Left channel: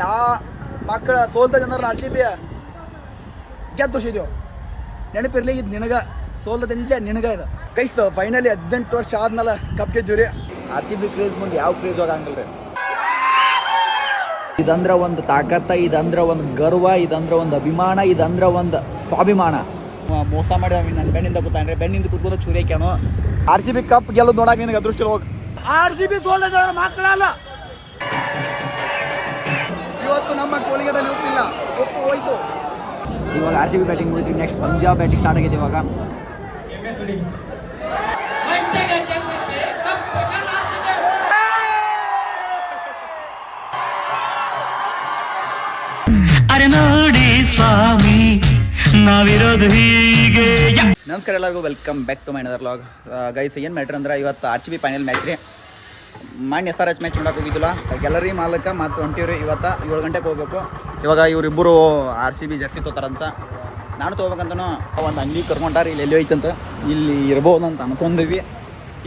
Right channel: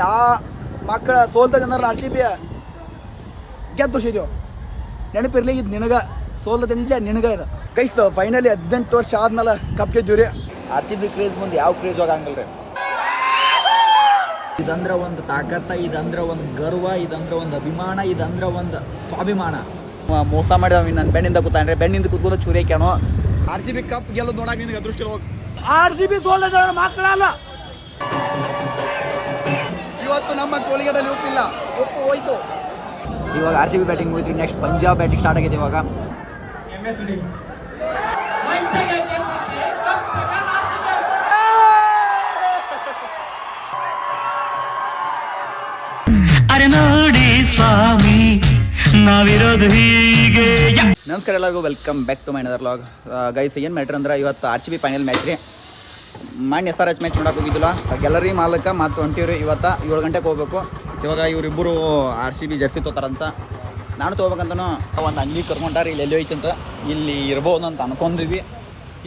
ಯಾ ಮಕ್ಕಳ ಸೋಲ್ದ ಜನರ R C B ಗೆದ್ದು ತೋರಿಸಿದೆವು ನೆನಪಿರ್ಲಿ, ಇದು ನಿನಗ ಸೋಲ್ದ ತಂದಿದ್ದೆ ನಿನಗ ಇದು. ಕೈಸ್ ಫೈನಲಿ ಹದಿನೆಂಟು ವರ್ಷ ಆದ್ಮೇಲೆ ಕಪ್ ಗೆದ್ದೀವಿ ರೀ ಆರ್ ಸಿ ಬಿ ಕ್ರೇಜ್ ಮುಂದೆ ಯಾವ ಕ್ರೇಜ್ ಆಗಂಗಿಲ್ಲ ರೀ ಇದಂದ್ರ ಒಂದು ತಾಕತ್ತ, ಇದಂದ್ರ ಒಂದು ಗರ್ವ, ಇದಂದ್ರ ಒಂದು ಅಭಿಮಾನ, ಇದಂದ್ರ ಒಂದು ಸ್ವಾಭಿಮಾನ. ಮೋಸ ಮಾಡಿ ನನ್ನ ಬೆಣ್ಣಿಂದ ಕೂತಾನ್ರಿ. ಬೆನ್ನಿಂದ ಕೂತ್ಕೊಂಡು ಚೂರಿ ಹಾಕ್ಯಾನು. ಆರ್ ಸಿ ಬಿ ಕಪ್ ಗೆಲ್ಲೋದು ನೋಡಕ್ಕೆ ನಿನಗೆ ಅದೃಷ್ಟ ಹೋಗಿ ಆರ್ ಸಿ ಬಿ ಸೋಲ್ದ ಮಕ್ಕಳಲ್ಲ. ಇವತ್ತು ನಮ್ಮ ಕೋಲಿಗಡಲ್ಲಿ ಉಪ್ಪಿಲ್ಲ ಉಪ್ಪು ಹೋಯ್ತು. ಇವಾಗ ಆರ್ ಸಿ ಬಿ ಬ್ಯಾಟಿಂಗ್ ಮುಗಿದ್ವಿ. ನೆಕ್ಸ್ಟ್ ಪಂಜಾಬ್ ಬ್ಯಾಟಿಂಗ್ ಸ್ಟಾರ್ಟ್ ಆಗಿದೆ ಇವಾಗ. ಅರೆ ನೋಡಿ ಸ್ವಾಮಿ ನಾವಿರೋದು ಹೀಗೆ. ಯ- ನಮಸ್ಕಾರ ಎಲ್ಲರಿಗೂ. Welcome back to my another vlog guys ಏನು ಮ್ಯಾಟ್ರ್ ಅಂದ್ರೆ ಇವತ್ತು R C B final match ರೀ. ಮಾನ್ಯ ಎಸ್ ಆರ್ ಎಚ್ ಮ್ಯಾಚ್ ನೋಡಕ್ಕೆ ಹೋಗಿದ್ದಿಲ್ಲ ಗ್ಯಾಲರಿ ಮಾಲಕ ಮತ್ತು ಹೊಂಟಿವ್ರಿ ಇವತ್ತು ಏಳು ಗಂಟೆಗೆ ಹೋಗ್ಬೇಕು. ಇವಾಗ ಇವರಿಬ್ಬರು ಆರ್ ಸಿ ಬಿ ಜರ್ಸಿ ತೊತಾರಂತ. ನಾನು ತೊಗೋಬೇಕಂತನೂ ಒಂದು ಅಂಗಡಿ ಕರ್ಕೊಂಡಾರ ಇಲ್ಲಿ ಎಲ್ಲಿ ಹೋಯ್ತಂತ. ಇಲ್ಲಿ ಇರ್ಬೋದು ಅಂತ ಅನ್ಕೊಂಡಿದ್ವಿ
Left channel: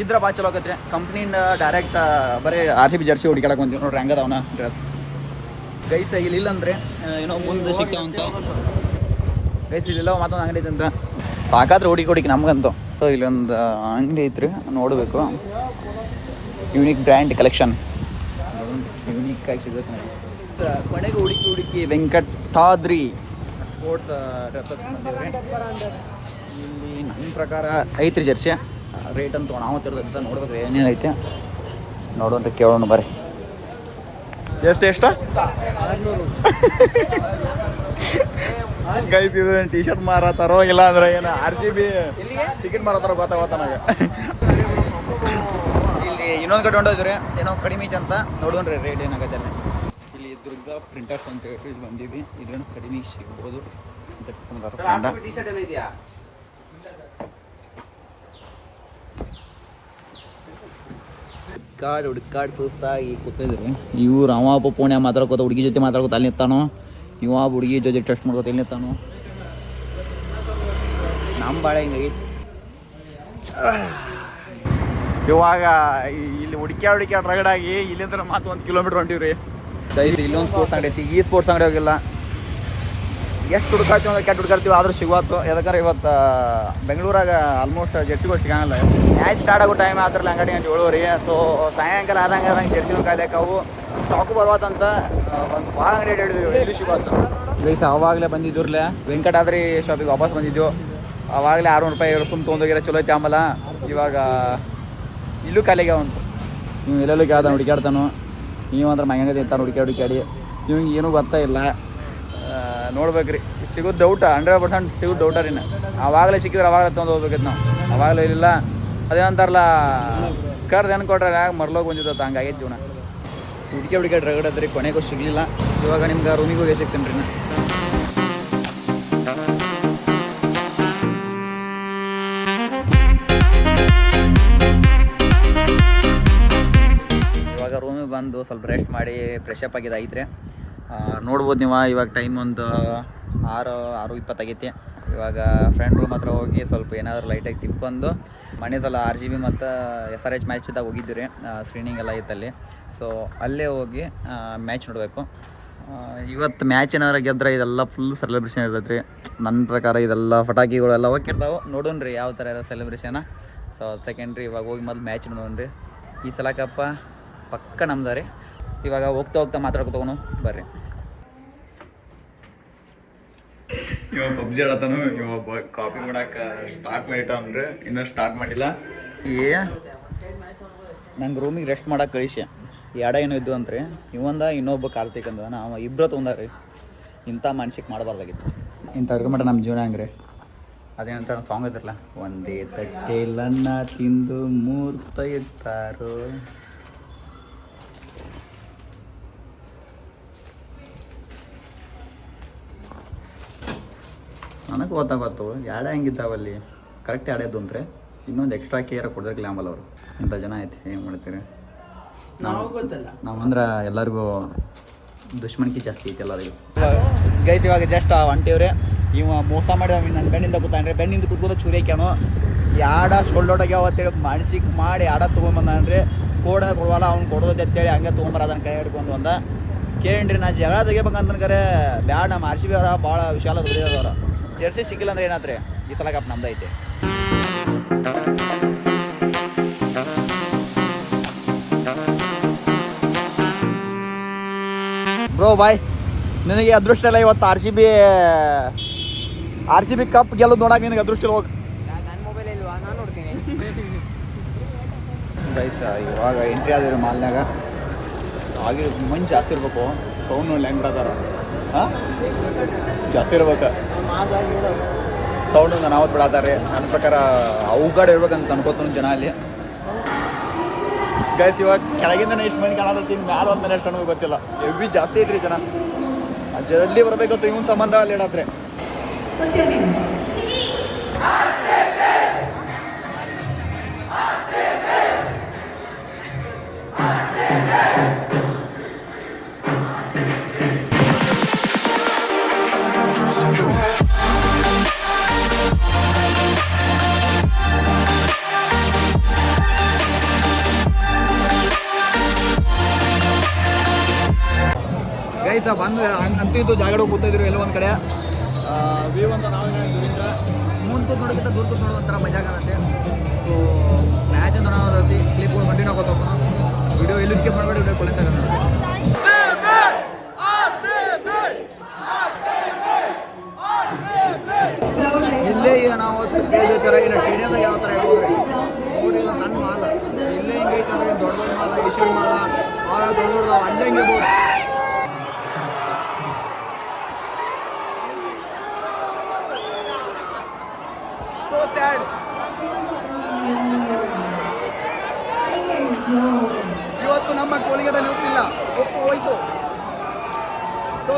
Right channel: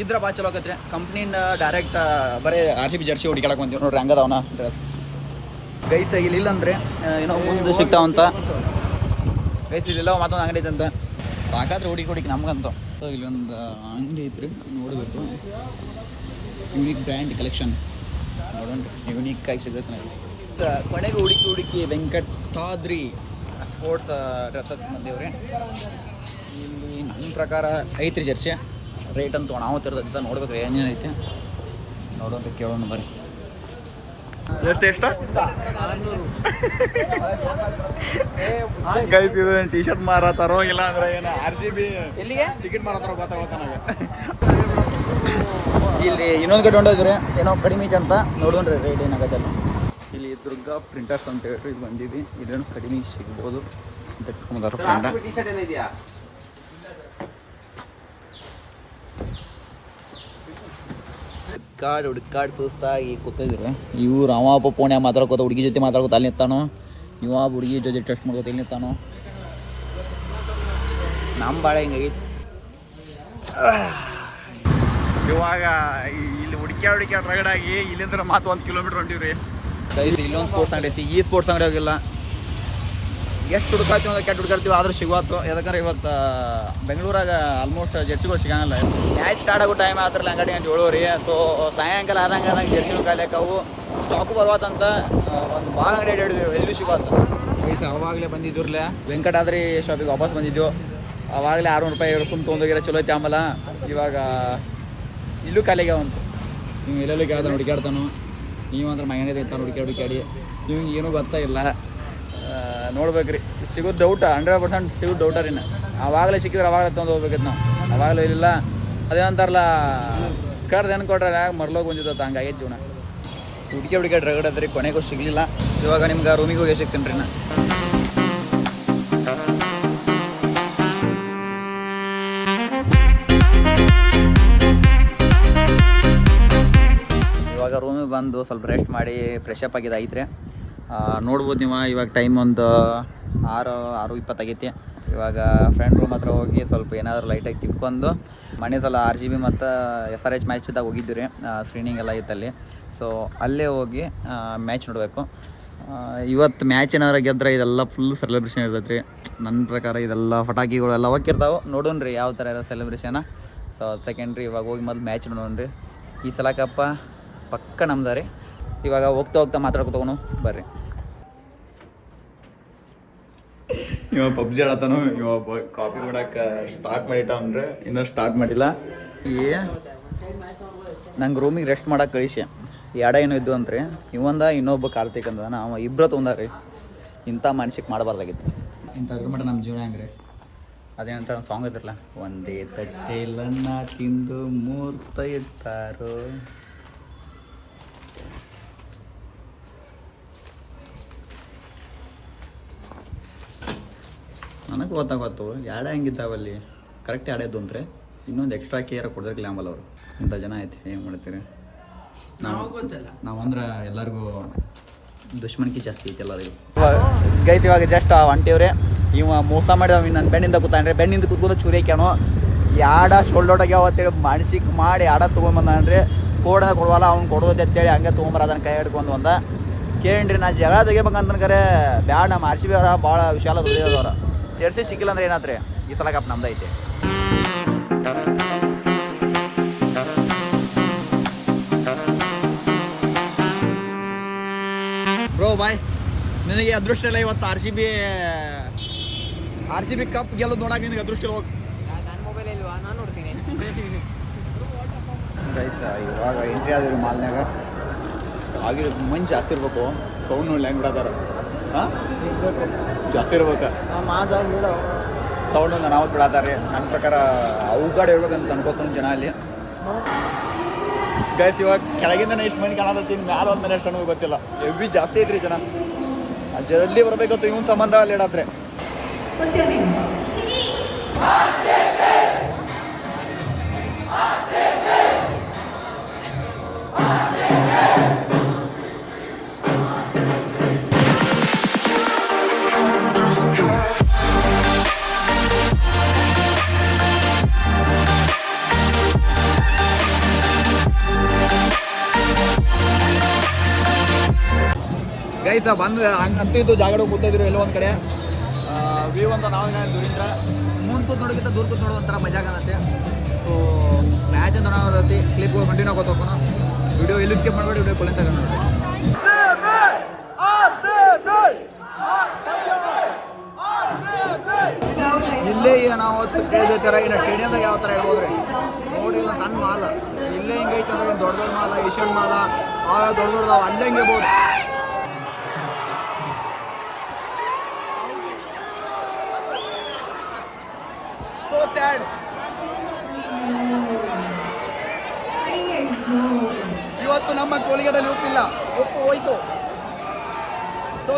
ಇದ್ರ ಭಾಳ ಚಲೋ ಆಗತ್ತೆ ಕಂಪ್ನಿಯಿಂದ ಡೈರೆಕ್ಟ್ ಬರೀ ಆರ್ ಸಿ ಬಿ ಜರ್ಸಿ ಹುಡುಕಾಡಕ್ಕೆ ಬಂದಿವಿ ನೋಡ್ರಿ ಹಂಗದವನ ಡ್ರೆಸ್ ಗೈಸ್ ಇಲ್ಲಿ ಇಲ್ಲಂದ್ರೆ ಏನೋ ಮುಂದೆ ಸಿಗ್ತಾವಂತ. ಗೈಸ್ ಇಲ್ಲಿಲ್ಲ ಮತ್ತೊಂದು ಅಂಗಡಿ ಐತಂತ. ಸಾಕಾದ್ರೆ ಹುಡುಕಿ ಹುಡುಕಿ ನಮ್ಗಂತು. ಸೊ ಇಲ್ಲೊಂದು ಅಂಗಡಿ ಐತ್ರಿ ನೋಡಬೇಕು. ಯೂನಿಕ್ ಬ್ರ್ಯಾಂಡ್ ಕಲೆಕ್ಷನ್ ನೋಡೋಣ ಯೂನಿಕ್ ಆಗಿ ಸಿಗುತ್ತೆ ನನಗೆ ಕೊನೆಗೆ ಹುಡುಕಿ ಹುಡುಕಿ ವೆಂಕಟಾದ್ರಿ ಸ್ಪೋರ್ಟ್ಸ್ ಡ್ರೆಸ್ಸಸ್ ಬಂದೇವ್ರಿ. ಇಲ್ಲಿ ನನ್ನ ಪ್ರಕಾರ ಐತ್ರಿ ಜರ್ಸಿ. ರೇಟ್ ಅಂತ ನಾವು ತಿರ್ದ ನೋಡ್ಬೇಕು ರೀ ಏನೇನು ಐತೆ. ನೋಡೋಣ ಕೇಳೋಣ ಬರ್ರಿ. ಎಷ್ಟು ಎಷ್ಟು? ಇದು ಟಿ ಶರ್ಟ್ ಮಾರತಾರೋ ಇಲ್ಲ ಅಂದ್ರೆ ಏನು ಆರ್ ಸಿ ಬಿ ಟಿಕೆಟ್ ಮಾರತಾರೋ ಗೊತ್ತಾಗತ್ತ ನನಗೆ. ಇಲ್ಲಿ ಇನ್ನೊಂದು ಕಡೆ ಹೊಂಡೋದ್ರಿ ಏನೋ ಕಡಿಮೆ ಐತೆ ಅಂತ ನೋಡೋಣ್ರಿ ರೇಟ್ ಏನಾಗತ್ತೆ ಅಲ್ಲಿ ಇಲ್ಲಿ ದುರ್ಗಾ ಪ್ರಿಂಟರ್ಸ್ ಅಂತ ಹೇಳಿ ಇಲ್ಲಿ ಬಂದೀವಿ ಇಲ್ಲೇನು ಕಡಿಮೆ ಸಿಗ್ಬೋದು ಅಂತ ಫ್ರೆಂಡ ಹುಡ್ಕಾಡ್ ಹುಡ್ಕಾಡ್ ಸುಸ್ತಾಗಿ ಕೂತಿದ್ರು. ಇವ್ರು ಅವ ಒಬ್ಬ ಪೋಣ್ಯ ಮಾತಾಡ್ಕೋತ ಹುಡುಗಿ ಜೊತೆ ಮಾತಾಡ್ಕೋತ ಅಲ್ಲಿ ನಿಂತಾನೋ? ಇವ ಹುಡುಗಿ ಜೊತೆ ಟೆಸ್ಟ್ ಮಾಡ್ಕೋತ ಇಲ್ಲಿ ನಿಂತಾನೋ? ನಮ್ಮ ಬಾಳೆ ಹಿಂಗಾಗಿ. ಇವಾಗ ಇಲ್ಲಿ ಹುಡುಕ್ಯಾ ಹುಡುಕ್ಯಾ ರಗಡಾಗಿ ಇಲ್ಲಿಂದ ಮಾತು ಒಂದು ಕಿಲೋಮೀಟರ್ ಹೊಂಟಿವ್ರಿ ದಯಸಿ ಇಲ್ಲೊಂದು ಸ್ಪೋರ್ಟ್ಸ್ ಅಂಗಡಿ ಐತಿ. ಈ ಸ್ಪೋರ್ಟ್ಸ್ ಅಂಗಡಿ ಹೋಗಿಲ್ಲ. ಎಷ್ಟು ಹುಡುಕಾತೀವಿ ಅಂದ್ರೆ ಕೆಟ್ಟ ಹುಡುಕಾಡ್ತೀವಿ ಆದ್ರೂ ಸಿಗುವತ್ತು. ಯಾಕಂದ್ರೆ ಇವತ್ತು ಬೆಂಗಳೂರಾಗ ಆಲ್ಮೋಸ್ಟ್ ಜರ್ಸಿಗಳು ಸಿಗಂಗಿಲ್ಲ. ಮ್ಯಾಚ್ ಸ್ಟಾರ್ಟ್ ಆಗೋ ಟೈಮ್ ಆದ್ರಲ್ಲ ಅಂಗಡಿ ಅಂತ ಹೇಳೋರಿ ಸೊ ಸಾಯಂಕಾಲ ಆದಂಗೆ ಆದಂಗೆ ಜರ್ಸಿನೂ ಕಾಯ್ಲಿಕ್ಕೆ ಅವು ಸ್ಟಾಕು ಬರ್ವಾತಂತ ಒಂದು ಭಾಳ ಅಂಗಡಿ ಅಡ್ಡಾಡಿದ್ವಿ ಎಲ್ಲಿ ಸಿಗುವತ್ತು. ವೈಸ್ ಅವಾಗಲೇ ಬಂದಿದ್ರಲ್ಲ ವೆಂಕಟಾದ್ರಿ ಶಾಪಿಗೆ ವಾಪಸ್ ಬಂದಿದ್ದೆವು ಅವಾಗಲೇ ಆರುನೂರು ರೂಪಾಯಿ ಸುಮ್ ತೊಗೊಂಡೋಗಿರೋ ಚಲೋ ಐತಿ ಆಮೇಲೆ. ಇವಾಗ ಇಲ್ಲೂ ಕಾಲಿಗೆ ಅವಂತು ನೀವು ಎಲ್ಲೆಲ್ಲೂ ಕೇಳ್ತಾನೆ ಹುಡುಕಾಡ್ತಾನು ನೀವು ಅಂದ್ರೆ ಮಗನೇ ತಿಂತಾನೆ ಹುಡುಕಾಡಿ ಹುಡುಕಾಡಿ ಇವಂಗೆ ಏನೂ ಗೊತ್ತಾ ಇಲ್ಲ. ನೋಡ್ಬೇಕ್ರಿ ಸಿಗೋದು ಡೌಟ ಹಂಡ್ರೆಡ್ ಪರ್ಸೆಂಟ್ ಸಿಗೋದು ಡೌಟ ರೀ ಅವಾಗಲೇ ಸಿಕ್ಕಿದ್ರೆ ಅವಾಗಲೇ ತೊಗೊಂಡು ಹೋಗ್ಬೇಕಿತ್ತು ನಾವು. ಅವಾಗಲೂ ಇಲ್ಲ. ಅದೇನಂತಾರಲ್ಲ ಕರ್ದು ಏನು ಕೊಟ್ರೆ ಯಾಕೆ ಮರ್ಲೋಗಿ ಬಂದಿದ್ದ ಹಂಗಾಗೈತೆ ಜೀವನ. ಹುಡುಕಿ ಹುಡುಕಿ ರಗಡದ್ರಿ ಕೊನೆಗೂ ಸಿಗಲಿಲ್ಲ. ಇವಾಗ ನಿಮ್ಗೆ ರೂಮಿಗೆ ಹೋಗಿ ಸಿಗ್ತೀನಿ ರೀ ನಾ ಇವಾಗ ರೂಮಿಗೆ ಬಂದು ಸ್ವಲ್ಪ ರೆಸ್ಟ್ ಮಾಡಿ ಫ್ರೆಶ್ ಅಪ್ ಆಗಿದೆ ಐತ್ರಿ. ನೋಡ್ಬೋದು ನೀವು, ಇವಾಗ ಟೈಮ್ ಒಂದು ಆರು ಆರು ಇಪ್ಪತ್ತಾಗೈತಿ ಇವಾಗ ಫ್ರೆಂಡ್ ರೂಮ್ ಹತ್ರ ಹೋಗಿ ಸ್ವಲ್ಪ ಏನಾದರೂ ಲೈಟಾಗಿ ತಿನ್ಕೊಂಡು ಮನೆ ಸಲ ಆರ್ ಜಿ ಬಿ ಮತ್ತು ಎಸ್ ಆರ್ ಎಚ್ ಮ್ಯಾಚ್ದಾಗ ಹೋಗಿದ್ದು ರೀ ಸ್ಕ್ರೀನಿಂಗ್ ಎಲ್ಲ ಇತ್ತಲ್ಲಿ ಸೊ ಅಲ್ಲೇ ಹೋಗಿ ಮ್ಯಾಚ್ ನೋಡಬೇಕು. ಇವತ್ತು ಮ್ಯಾಚ್ ಏನಾದ್ರು ಗೆದ್ರೆ ಇದೆಲ್ಲ ಫುಲ್ ಸೆಲೆಬ್ರೇಷನ್ ಇರ್ತೈತೆ ರೀ ನನ್ನ ಪ್ರಕಾರ ಇದೆಲ್ಲ ಪಟಾಕಿಗಳೆಲ್ಲ ಹೋಗಿರ್ತಾವೆ ನೋಡೋಣ ರೀ ಯಾವ ಥರ ಇರೋ ಸೆಲೆಬ್ರೇಷನ ಸೊ ಸೆಕೆಂಡ್ರಿ ಇವಾಗ ಹೋಗಿ ಮೊದಲು ಮ್ಯಾಚ್ ನೋಡೋಣ ರೀ. ಈ ಸಲ ಕಪ್ಪ ಪಕ್ಕ ನಮ್ದಾರೆ. ರೀ ಇವಾಗ ಹೋಗ್ತಾ ಹೋಗ್ತಾ ಮಾತಾಡ್ಕೊತವನು ಬರ್ರಿ. ಇವ ಪಬ್ಜಿ ಆಡತಾನು ಇವ ಕಾಪಿ ಮಾಡಕ್ಕೆ ಸ್ಟಾರ್ಟ್ ಮಾಡಿಟ್ಟವನ್ರಿ ಇನ್ನೂ ಸ್ಟಾರ್ಟ್ ಮಾಡಿಲ್ಲ. ಏ ನಂಗೆ ರೂಮಿಗೆ ರೆಸ್ಟ್ ಮಾಡಕ್ಕೆ ಕಳಿಸಿ. ಎಡ ಏನೋ ಇದ್ದು ಅಂತ್ರಿ. ಇವಂದ ಇನ್ನೊಬ್ಬ ಕಾರ್ತಿಕ್ ಅಂದ ನಾವು ಇಬ್ಬರ ತೊಂದಾರಿ ಇಂಥ ಮನ್ಸಿಗೆ ಮಾಡಬಾರ್ದಾಗಿತ್ತು. ಇಂಥ ಮಟ್ಟ ನಮ್ಮ ಜೀವನ ಹಂಗ್ರಿ? ಅದೇನಂತ ಸಾಂಗ್ ಇದ್ರಲ್ಲ. ಒಂದೇ ತಟ್ಟೆ ತಟ್ಟೆಲನ್ನ ತಿಂದು ಮೂರ್ತ ಇರ್ತಾರೋ ನನಗೆ ಗೊತ್ತಾಗತ್ತು ಎರಡು ಹೆಂಗಿದ್ದಾವಲ್ಲಿ ಕರೆಕ್ಟ್ ಎರಡೇದು ಅಂದ್ರೆ ಇನ್ನೊಂದು ಎಕ್ಸ್ಟ್ರಾ ಕೇರ್ ಕೊಡಿದ್ರೆ ಗ್ಲಾಮಲ್ ಅವರು. ಇಂಥ ಜನ ಐತಿ ಏನು ಮಾಡ್ತೀರಿ? ನಾವು ನಾವು ಅಂದ್ರೆ ಎಲ್ಲರಿಗೂ ದುಶ್ಮನ್ಕಿ ಜಾಸ್ತಿ ಐತಿ ಎಲ್ಲರಿಗೂ. ಗೈತ್ ಇವಾಗ ಜಸ್ಟ್ ಹೊಂಟಿವ್ರೆ ಇವ ಮೋಸ ಮಾಡಿ ಅವ ನನ್ನ ಬೆಣ್ಣಿಂದ ಕೂತಾನ್ರಿ ಬೆಣ್ಣಿಂದ ಕೂತ್ಕೊಂಡು ಚೂರಿ ಹಾಕ್ಯಾನು. ಯಾಡ ಶೋಲ್ಡೋಟಾಗ್ಯಾವ ಅಂತೇಳಿ ಮನ್ಸಿಗೆ ಮಾಡಿ ಆಡ ತೊಗೊಂಬಂದ್ರೆ ಕೋಡನ ಕೊಡುವಲ್ಲ ಅವ್ನು ಕೊಡೋದು ಅಂತೇಳಿ ಹಂಗೆ ತೊಗೊಂಬರ ಅದನ್ನ ಕೈ ಹಿಡ್ಕೊಂಡು ಬಂದ. ಕೇಳಿರಿ ನಾ ಜಗಳ ತೆಗಿಬೇಕಂತ ಕರೆ ಬ್ಯಾಡ ನಮ್ಮ ಆರ್ಸಿ ಬಿ ಅವರ ಭಾಳ ವಿಶಾಲ ಹೃದಯದವ್ರ ಜೆರ್ಸಿ ಸಿಕ್ಕಿಲ್ಲ ಅಂದ್ರೆ ಏನಾದ್ರೆ ಈ ಸಲ ಕಪ್ ನಮ್ದೈತೆ ಐತಿ. ಬ್ರೋ ಬಾಯ್ ನಿನಗೆ ಅದೃಷ್ಟ ಇಲ್ಲ ಇವತ್ತು R C B R C B cup ಗೆಲ್ಲೋದು ನೋಡಕ್ಕೆ ನಿನಗೆ ಅದೃಷ್ಟ ಇಲ್ಲ ಹೋಗಿ. ನನ್ನ ಮೊಬೈಲ್ ಇಲ್ವಾ? ನಾನು ನೋಡ್ತೀನಿ. ಗೈಸ್ ಇವಾಗ ಎಂಟ್ರಿ ಆದಿರು ಮಾಲ್ನ್ಯಾಗ ಆಗಿರೋ ಮಂಜು ಜಾಸ್ತಿ ಇರ್ಬೇಕು ಸೌಂಡ್ ನೋಡಿ ಹೆಂಗೆ ಬಿಡತ್ತಾರ. ಹಾಂ? ಜಾಸ್ತಿ ಇರ್ಬೇಕು. ಸೌಂಡ್ ಒಂದು ಅನಾವತ್ ಬಿಡಾತಾರೆ ನನ್ನ ಪ್ರಕಾರ ಅವಗಾಡ ಇರ್ಬೇಕಂತ ಅನ್ಕೋತಾನು ಜನ ಅಲ್ಲಿ ಗೈಸ್ ಇವಾಗ ಕೆಳಗಿಂದ ಎಷ್ಟು ಮಂದಿ ಕಾಣತ್ತೀನಿ ಮ್ಯಾಲ ಒಂದು ಎಷ್ಟು ಅನ್ನೋದು ಗೊತ್ತಿಲ್ಲ. ಎವ್ರಿ ಜಾಸ್ತಿ ಐತ್ರಿ ಜನ. ಜಲ್ದಿ ಬರಬೇಕಂತ ಇವನ್ ಸಂಬಂಧ ಅಲ್ಲಿ ಇಡಾತ್ರೆ. What's ಗೈಸ ಬಂದು ಅಂತೂ ಇದು ಜಾಗಡ ಕೂತಿದ್ರು ಎಲ್ಲೋ ಒಂದು ಕಡೆ. ವ್ಯೂ ಅಂತ ನಾವು ದೂರಿಂದ ಮುಂದೆ ಕೂತ್ ನೋಡೋಕ್ಕಿಂತ ದೂರ ಕೂತ್ ನೋಡೋ ಒಂಥರ ಮಜಾ ಕಾಣುತ್ತೆ ಸೊ ಮ್ಯಾಚ್ ಅಂತ ನೋಡೋದೈತಿ ಕ್ಲಿಪ್ಗಳು ಕಂಟಿನ್ಯೂ ಆಗೋತಪ್ಪ ವಿಡಿಯೋ ಇಲ್ಲಿ ಸ್ಕಿಪ್ ಮಾಡಬೇಡಿ ವಿಡಿಯೋ ಕೊಲೆ ತಗೊಂಡು ಇಲ್ಲೇ ಈಗ ನಾವು ಅವತ್ತು ಕೇಳಿದ ಥರ ಸ್ಟೇಡಿಯಮ್ದಾಗ ಯಾವ ಥರ ಹೇಳ್ಬೋದ್ರಿ ನೋಡಿ ನನ್ನ ಮಾಲ. ಇಲ್ಲೇ ಹಿಂಗೆ ಐತೆ ಅಂದ್ರೆ ದೊಡ್ಡ ದೊಡ್ಡ ಮಾಲ, ಏಷ್ಯನ್ ಮಾಲ ಆ ದೊಡ್ಡ ದೊಡ್ಡ ಅಲ್ಲೇ ಹಿಂಗೆ ಇವತ್ತು ನಮ್ಮ ಕೋಲಿಗಡಲ್ಲಿ ಉಪ್ಪಿಲ್ಲ. ಉಪ್ಪು ಹೋಯ್ತು. So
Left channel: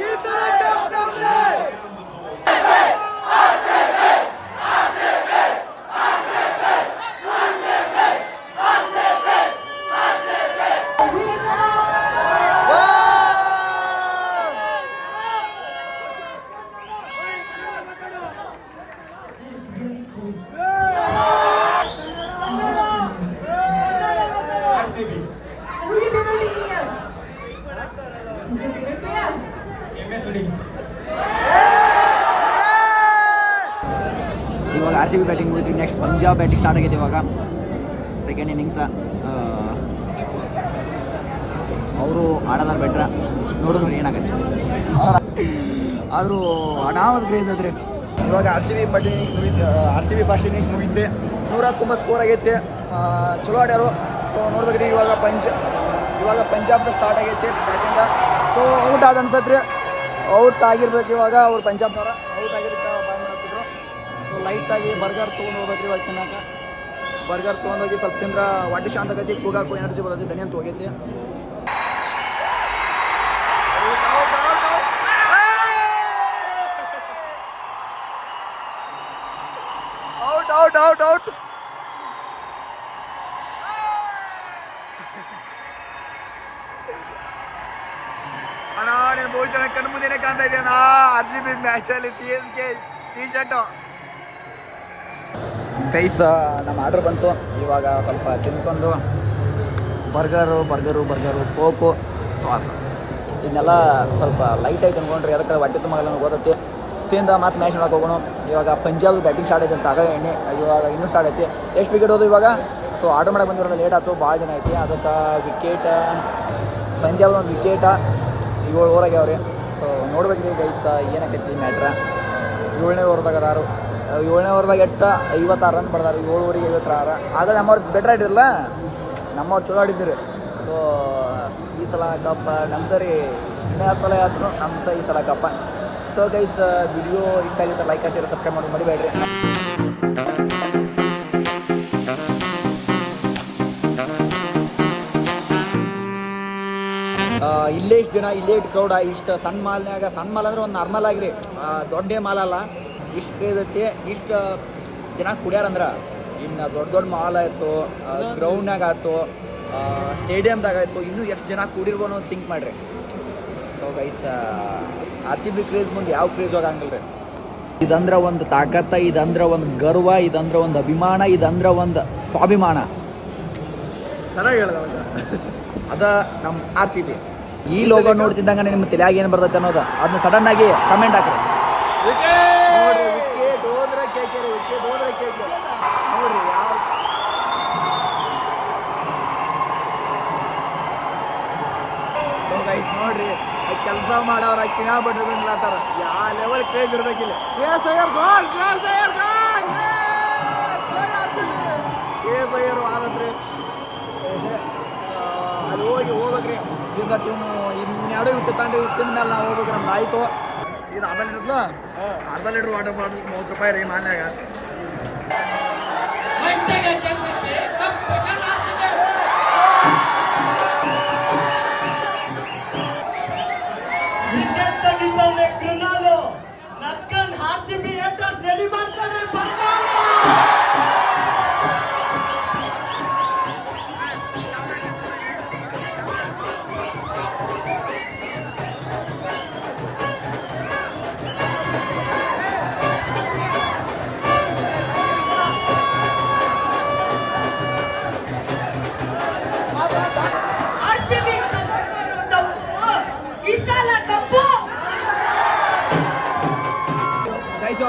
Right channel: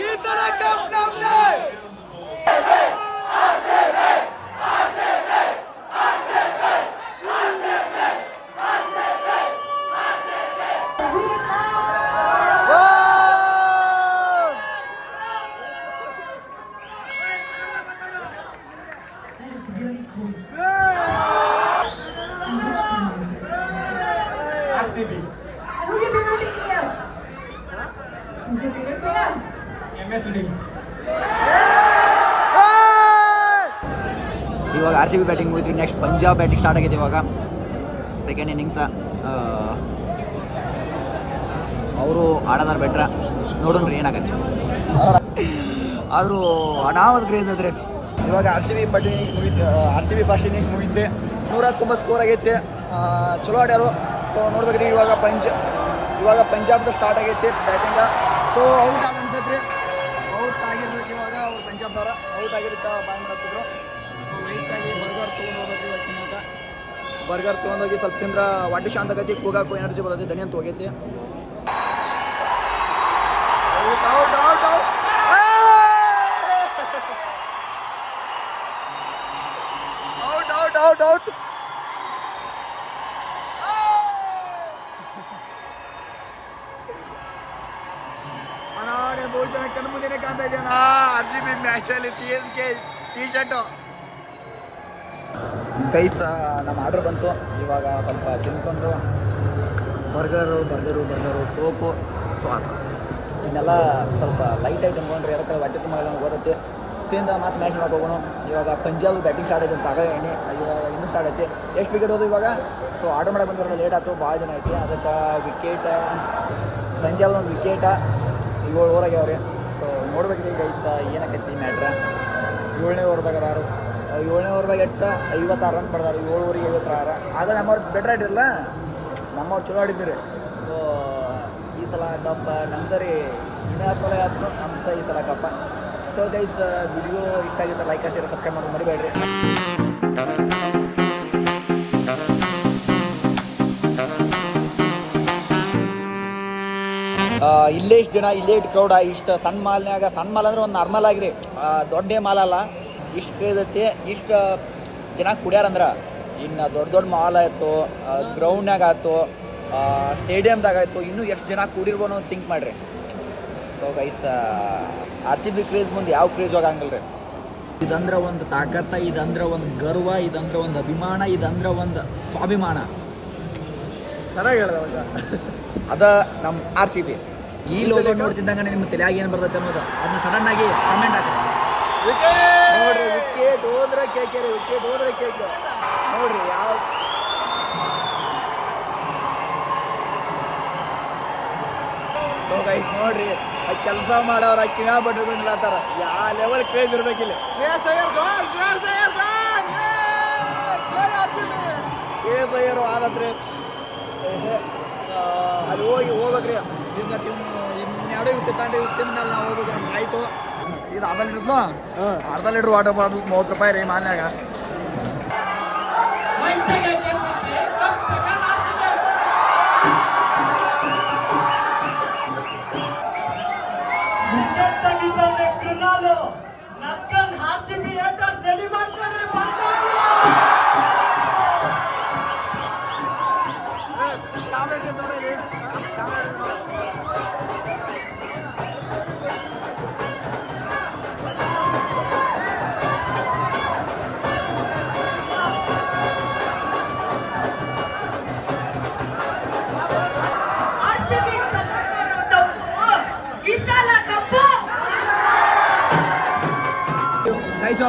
ಈ ತರ ಕಪ್ ನಮ್ದೆ Really cool. And which team ಇವಾಗ ಆರ್ ಸಿ ಬಿ ಬ್ಯಾಟಿಂಗ್ ಮುಗಿದ್ವಿ. ನೆಕ್ಸ್ಟ್ ಪಂಜಾಬ್ ಬ್ಯಾಟಿಂಗ್ ಸ್ಟಾರ್ಟ್ ಆಗಿದೆ ಇವಾಗ. ಸೆಕೆಂಡ್ ಇನ್ನಿಂಗ್ಸ ಅವರು ಆಡೋದಾರ ಬೆಟ್ರ ನೋಡೋಣ ಏನಾಗತ್ತೆ. ಆದರೂ ಅನಾವತ್ ಕ್ರೇಜ್ ಆದರೆ. ಇವಾಗ R C B bat innings ಮುಗಿತು R C B first innings ಮುಗಿದ್ರಿ ನೂರ ತುಂಬ ಸ್ಕೋರ್ ಆಗೈತೆ. ಚಲೋ ಆಡ್ಯಾರು. ಸೊ ನೋಡ್ಬೇಕ್ರಿ, ಇವಾಗ ಪಂಜ ಇವಾಗ ಪಂಜಾಬ್ದ ಸ್ಟಾರ್ಟ್ ಆಗೈತಿ ಬ್ಯಾಟಿಂಗ ಸೊ ಔಟ್ ಆದ ಅನ್ಸತ್ರಿ. ಔಟ್ ಆಗಿರ್ಬೇಕು ಇವಾಗ ಅವ್ರು ಪಂಜಾಬ್ನವ್ರ. ಔಟ್ ಆಗಿರ್ತಾ ಬಾಯ್ ಮಾಡ್ತಿದ್ರು. ಸೊ ಲೈಟಾಗಿ ಬರ್ಗರ್ ತೊಗೊಂಡು ಹೋಗ್ಬೇಕು ಇವಾಗ ತಿನ್ನೋಕೆ ಬರ್ಗರ್ ತೊಗೊಂಡೋಗಿ ಸ್ವಲ್ಪ ತಿಂದ್ರೆ ವಾಟಿ ಶಾಂತ ಆಗೈತಿ ಕೂಗಾಕು ಎನರ್ಜಿ ಬರೋದು ದಣಿ ಅಂತ ಹೋಗೈತಿ ಔಟ್ ಔಟ್ ಔಟ್ ಔಟ್ ಅಣ್ಣ ನೀನು ಬಹು ಜನ ಕಣ್ಣು ಇದೆಯಣ್ಣ ಆರ್ ಸಿ ಬಿ ಮ್ಯಾಚಲ್ಲಿ ಎಸ್ ಕೆ ಟಿ ಶರ್ಟು ಕೈಸ ನಮ್ಮ ಆರ್ಡ್ರ್ ಬಂತು. ಇವಾಗ ಸ್ವಲ್ಪ ತಿನ್ಕೊಂಡು ಬರ್ಗರು ಬರ್ಗರು ಬರ್ಗರು, ಕೋಕು ಶ್ವಾಸ ಇದನ್ನೆಲ್ಲ ಸ್ವಲ್ಪ ಲೈಟಾಗಿ ತಿನ್ಕೊಂಡ್ರಿ ಅದಕ್ಕೆ ಹೊಟ್ಟೆ ತುಂಬ ಓದತ್ತೆ ತಿಂದ ಮತ್ತೆ ಮ್ಯಾಚ್ ನೋಡಕ್ಕೆ ಹೋಗೋಣ. ಇವಾಗ ಪಂಜಾಬ್ ಬ್ಯಾಟಿಂಗ್ ಸ್ಟಾರ್ಟ್ ಐತೆ ಅಂತ ಆಗ ಎಣ್ಣೆ, ಇವಾಗ ಇನ್ನೂ ಸ್ಟಾರ್ಟ್ ಐತಿ. ಎಷ್ಟು ವಿಕೆಟ್ ಹೋದು ಇವಾಗ? ಸೊ ಆರ್ಡರ್ ಮಾಡಕ್ಕೆ ಬಂದಿರಲ್ಲ ಲೇಟ್ ಆಯ್ತು, ಭಾಳ ಜನ ಐತಿ. ಅದಕ್ಕೆ ವಿಕೆಟ್ ಪಂಜಾಬ್ ಒಂದು ವಿಕೆಟ ಏಳು ಓವರ್ ಆಗ್ಯಾವ್ರಿ. ಸೊ ನೋಡ್ಬೇಕ್ರಿ ಗೈಸ ಏನಕ್ಕೈತಿ ಮ್ಯಾಟ್ರ ಏಳನೇ ಓವರ್ದಾಗ ಅದಾರು. ಏಳನೇ ಓವರ್ದಾಗ ಎಟ್ಟ? ಐವತ್ತಾರು ರನ್ ಬರ್ದಾರು. ಏಳುವರೆಗೆ ಐವತ್ತಾರು. ಆಗ ನಮ್ಮವ್ರು ಬೆಟ್ರ್ ಆಡಿರಲ್ಲ ನಮ್ಮವ್ರು ಚಲೋ ಆಡಿದ್ದೀರಿ ಸೊ ಈ ಸಲ ಕಪ್ಪ ನಮ್ದು ರೀ ಇನ್ನೂ ಸಲ ಹೇಳ್ತೀನಿ ನಮ್ದು ಈ ಸಲ ಕಪ್ಪ ಸೊ ಗೈಸ್ ವಿಡಿಯೋ ಇಷ್ಟ ಆಗಿದ್ರೆ ಲೈಕ್ ಶೇರ್ ಸಬ್ಸ್ಕ್ರೈಬ್ ಮಾಡೋದು ಮರಿಬೇಡ್ರಿ. ಇಲ್ಲೇ ಇಷ್ಟು ಜನ ಇಲ್ಲೇ ಇಟ್ಟು ಕ್ರೌಡ ಇಷ್ಟು ಸಣ್ಣ ಮಾಲ್ನ್ಯಾಗ ಸಣ್ಣ ಮಾಲ್ ಅಂದ್ರೆ ಒಂದು ನಾರ್ಮಲ್ ಆಗಿರಿ. ದೊಡ್ಡ ಮಾಲ್ ಅಲ್ಲ. ಇಷ್ಟು ಕ್ರೇಜ್ ಐತಿ. ಇಷ್ಟು ಜನ ಕುಡ್ಯಾರಂದ್ರೆ ಇನ್ನು ದೊಡ್ಡ ದೊಡ್ಡ ಮಾಲ್ ಆಯ್ತು ಗ್ರೌಂಡ್ನಾಗ ಆಯ್ತು ಸ್ಟೇಡಿಯಮ್ದಾಗ ಆಯ್ತು ಇನ್ನೂ ಎಷ್ಟು ಜನ ಕೂಡಿರ್ಬೋದು ಅಂತ ಥಿಂಕ್ ಮಾಡ್ರಿ. So guys R C B craze ಮುಂದೆ ಯಾವ ಕ್ರೇಜ್ ಹೋಗಂಗಿಲ್ಲ ರೀ ಇದಂದ್ರೆ ಒಂದು ತಾಕತ್ತ ಇದಂದ್ರೆ ಒಂದು ಗರ್ವ ಇದಂದ್ರೆ ಒಂದು ಅಭಿಮಾನ ಇದಂದ್ರೆ ಒಂದು ಸ್ವಾಭಿಮಾನ. ಚೆನ್ನಾಗಿ ಹೇಳ್ದ ಅದ ನಮ್ಮ ಆರ್ ಸಿ ಬಿ ಈ ಲೋಗೋ ನೋಡ್ತಿದ್ದಂಗ ನಿಮ್ಮ ತಲೆಯಾಗಿ ಏನು ಬರ್ತೈತೆ ಅನ್ನೋದು ಅದನ್ನ ಸಡನ್ ಆಗಿ ಕಮೆಂಟ್ ಹಾಕ್ರಿ. ನೋಡ್ರಿ ವಿಕೆಟ್ ಹೋದ್ರೆ ಕೇಳ್ಕೇರಿ ವಿಕೆಟ್ ಹೋದ್ರೆ ಕೇಳ್ಕೇರಿ. ನೋಡ್ರಿ ಯಾವ ನೋಡ್ರಿ ಕೆಲಸ ಮಾಡೋರ ಕಿಣ ಬಡ್ರು ಬಂದ್ಲಾತಾರ ಯಾವ ಲೆವೆಲ್ ಕ್ರೇಜ್ ಇರ್ಬೇಕಿಲ್ಲ ಕೇಳಿದ್ರು ಆದತ್ರಿ ಅಲ್ಲಿ ಹೋಗಿ ಹೋಗ್ಬೇಕ್ರಿ. ಈಗ ಟೀಮ್ ಇನ್ನೆರಡು ಇವು ತಿಂತಾಂಡ್ರಿ ಇವು ತಿಂದ ಮೇಲೆ ನಾವು ಹೋಗ್ಬೇಕ್ರಿ ನಮ್ದು ಆಯ್ತು. ಇದು ಅರ್ಧ ಲೀಟ್ರದ್ಲ ಅರ್ಧ ಲೀಟ್ರ್ ವಾಟರ್ ಬಾಟಲ್ ಮೂವತ್ತು ರೂಪಾಯಿ ರೀ ಮಾನ್ಯಾಗ ಕೃಣಾಲು ನಕ್ಕನ್ ಬಿ ರೆಡಿ ಮಾಡ್ಕೊಂಡ್ರೆ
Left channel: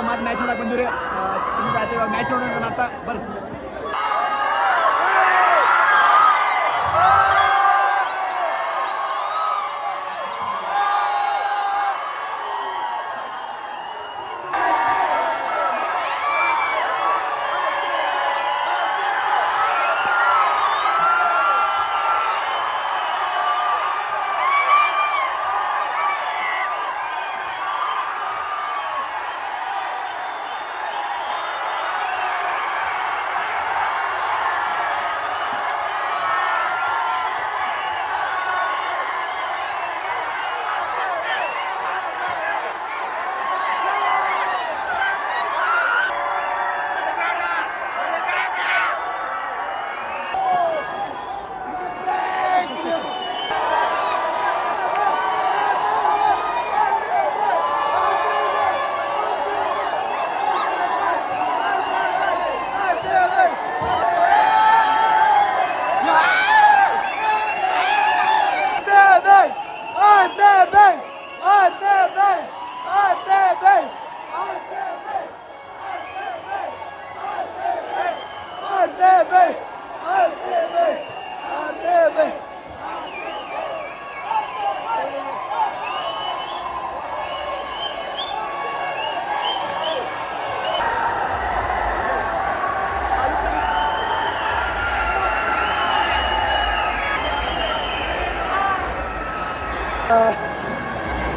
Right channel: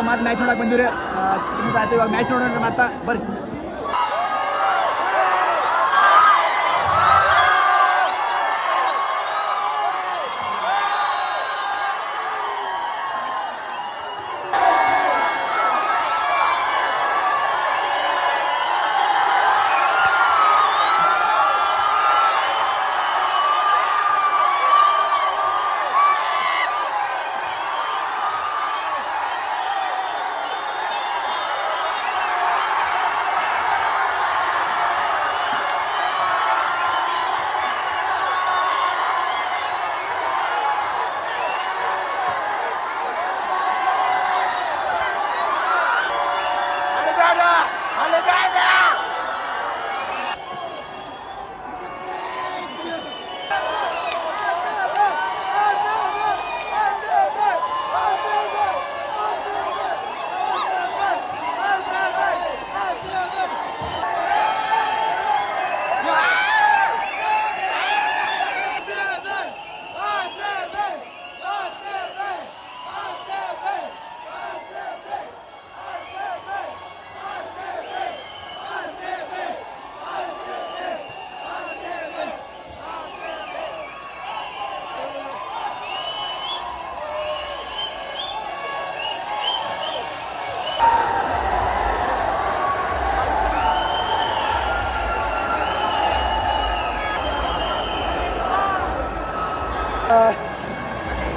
ಮತ್ತೆ ಮ್ಯಾಚ್ ನೋಡಕ್ಕೆ ಇವಾಗ ಮ್ಯಾಚ್ ನೋಡೋಣ ಮತ್ತೆ ಬರ್ರಿ.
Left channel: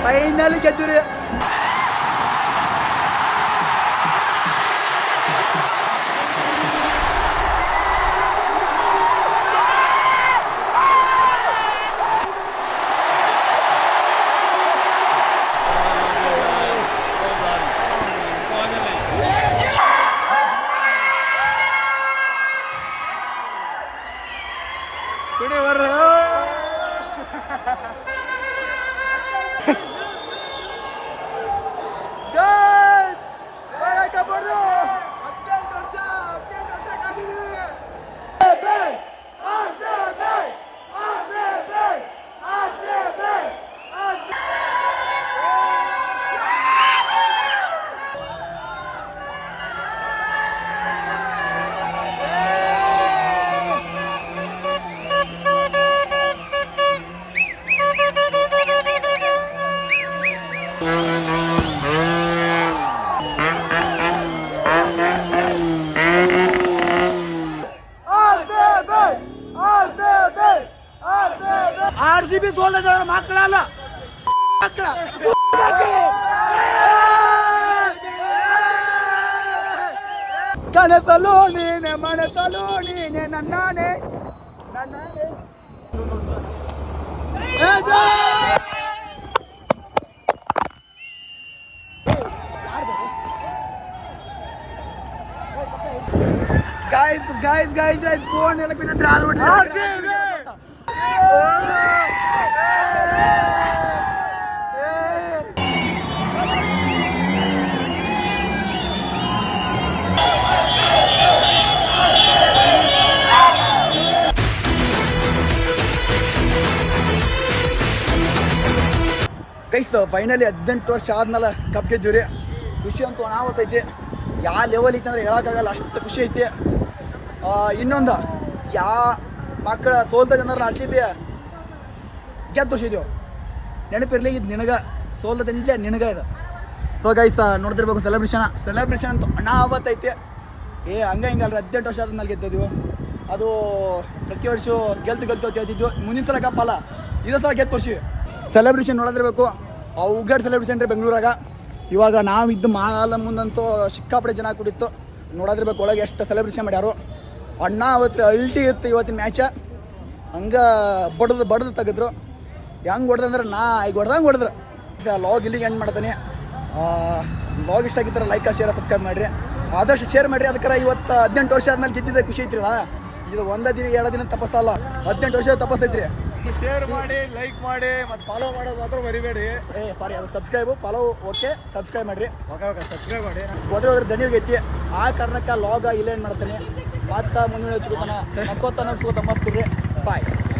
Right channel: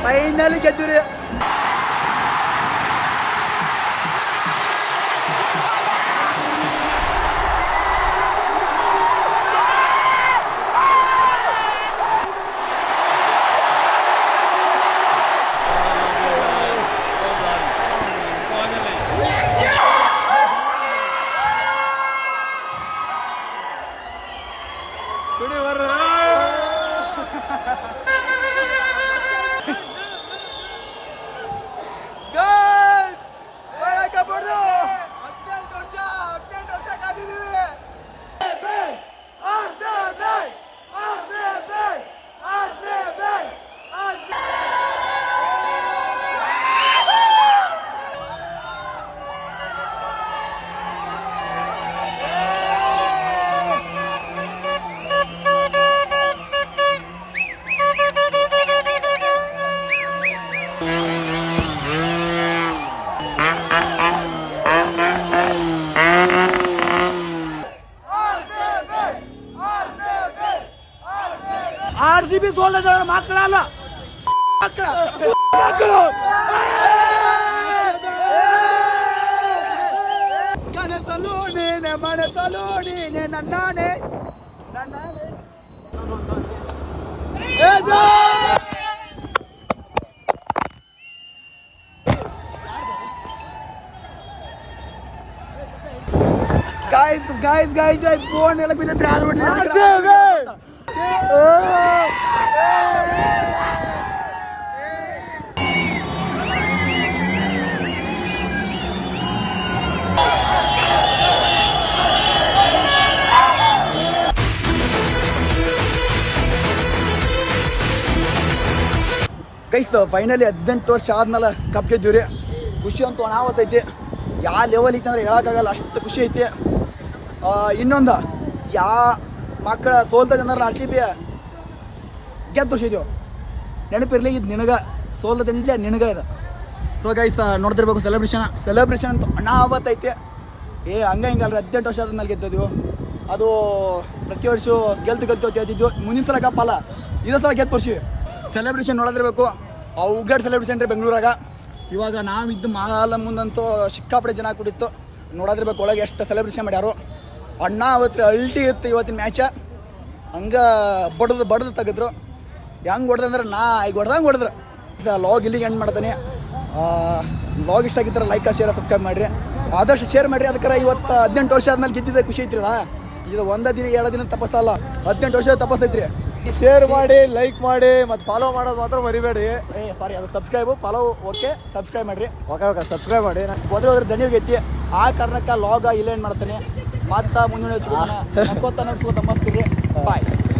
පයින්නලි ගැතුරේ ಬಿ ಸೋಲ್ದ ಮಕ್ಕಳಲ್ಲ. ಮಕ್ಕಳ. ಮಕ್ಕಳು ಕನಸಲು ನೀನೆ ಮನಸಲು ನೀನೆ, ನನ್ನಾನೆ. ನನ್ನಾನೆ! Guys guys guys guys phone ಎಲ್ಲ ಬಿದ್ದಿದ್ರೆ ಆದ್ರೂ ಗೈಸ್ ಫೈನಲಿ ಹದಿನೆಂಟು ವರ್ಷ ಆದ್ಮೇಲೆ ಕಪ್ ಗೆದ್ದೀವ್ರಿ. ಖುಷಿ ಅಂತೂ ಅನಾವತ್ತೈತಿ ಯಾವ ಲೆವೆಲ್ ಐತೆ ಅಂದ್ರೆ ಹೇಳೋಕ್ಕಾಗಲ್ಲ, ಅಷ್ಟು ಖುಷಿ ಐತಿ. ಇನ್ನೊಂದು, ಯಾ ಮಕ್ಕಳ ಸೋಲ್ದ ಜನರ ಆರ್ ಸಿ ಬಿ ಗೆದ್ದು ಶಿದ್ಯೋ ನೆನಪಿರ್ಲಿ ಇದು ನಿನಗ. ಸೋಲ್ದ ತಂದಿದ್ಲೆ ನಿನಗ ಇದು. ಸೊ ಗೈಸ್ ನೋಡ್ತಿರ್ಬೇಕು ಸೆಲೆಬ್ರೇಷನ್ ಸೆಲೆಬ್ರೇಷನ್ ಅಂತೂ ಆವತ್ತೈತೆ ಏ ಹಂಗ ಹಿಂಗಲ್ರಿ ಹದಿನೆಂಟು ವರ್ಷ ಆದ್ಮೇಲೆ ಗೆದ್ದಿದ್ವು ಅದು ಪ್ರತಿ ವರ್ಷ ಗೆಲ್ತು ಗೆಲ್ತು ಅಂತ ಹೇಳ್ತಿದ್ವು ಮುಂದಿನ ಸಲ ಕಪ್ಪಲ್ಲ ಇದೇ ಸಲ ಗೆದ್ದು ಖುಷಿ ಸೆಲೆಬ್ರೇಷನ್ ನೋಡೋದಿರ್ಬೇಕು ಅವ್ಗಡ್ ಸೆಲೆಬ್ರೇಷನ್ ರೀ ಬೆಂಗಳೂರಾಗ. ಇವಾಗ ನಾವು ಇದ್ದು ಮಾಲ ಮುಂದಂತೂ ಸಿಕ್ಕಾಪಡೆ ಜನ ಕೂಡಿತ್ತು. ನೋಡೋದಿರ್ಬೇಕು ಒಳಗೆ ಎಷ್ಟು ಸೆಲೆಬ್ರೇಷನ್ ಮಾಡ್ಯಾರು. ಅಣ್ಣ ಅವತ್ತು ಅಲ್ಟಿ ಇತ್ತು ಇವತ್ತಿನ ಮ್ಯಾಚ. ಹಂಗೆ ಬಡ್ದು ಬಡ್ದು ತೆಗೆದ್ರು. ಹೆಂಗೆ ಹೊಡೆದಂದ್ರೆ ನಾ ಈಗ ಹೊಡೆದಂಗೆ ಹೊಡೆದ್ರು. ಲಾಗ್ ಇಲ್ಲಿಗೆ ಎಂಡ್ ಮಾಡ್ತಾನೆ. ಲಾಗ್ ಇಷ್ಟ ಆಗಿದ್ರೆ ಲೈಕ್ ಶೇರ್ ಸಬ್ಸ್ಕ್ರೈಬ್ ಮಾಡಿರಿ. ಆದಷ್ಟು ಶೇರ್ ಮಾಡಿರಿ. ಅದಕ್ಕೆ ಇವತ್ತು ಹದಿನೆಂಟು ವರ್ಷ ಆದ್ಮೇಲೆ ಗೆದ್ದಿದ್ದೆ. ಖುಷಿ ಐತ್ರಿಲ್ಲ ಇದು ಒಂದೇ ದಿನ ಎರಡು ದಿನ ತಪ್ಪಿಸ್ತಲ್ಲ ಹದಿನೆಂಟು ವರ್ಷ ತಪ್ಪಿಸ್ತೈತ್ರಿ. ಶೇರ್ ಮಾಡಿ ಲೈಕ್ ಮಾಡಿ ಮತ್ತು ಫಾಲೋ ಮಾಡೋದು ಮಾತ್ರ ಮರಿಬೇಡಿ ಏ ಸಾರಿ ಅದು ಸಬ್ಸ್ಕ್ರೈಬು ಫಾಲೋ ಓಕೆ ಸಬ್ಸ್ಕ್ರೈಬ್ ಮಾಡಿರಿ. ಓಕೆ ಓಕೆ ಸಬ್ಸ್ಕ್ರೈಬ್ ಮಾಡಿ. ಹೋದ್ರೆ ಹೋದ್ರೆ ದನಿ ಹೋಗೈತಿ ಆ ಕಾರಣಕ್ಕೆ ಲಾಗ ಇಲ್ಲೇನು ಮಾಡ್ತಾನೆ. ಮತ್ತೆ ಮುಂದಿನ ನಕ್ಕೋತ ನಗ್ಸ್ಕೋತ ಮಸ್ತ್ ಬಾಯ್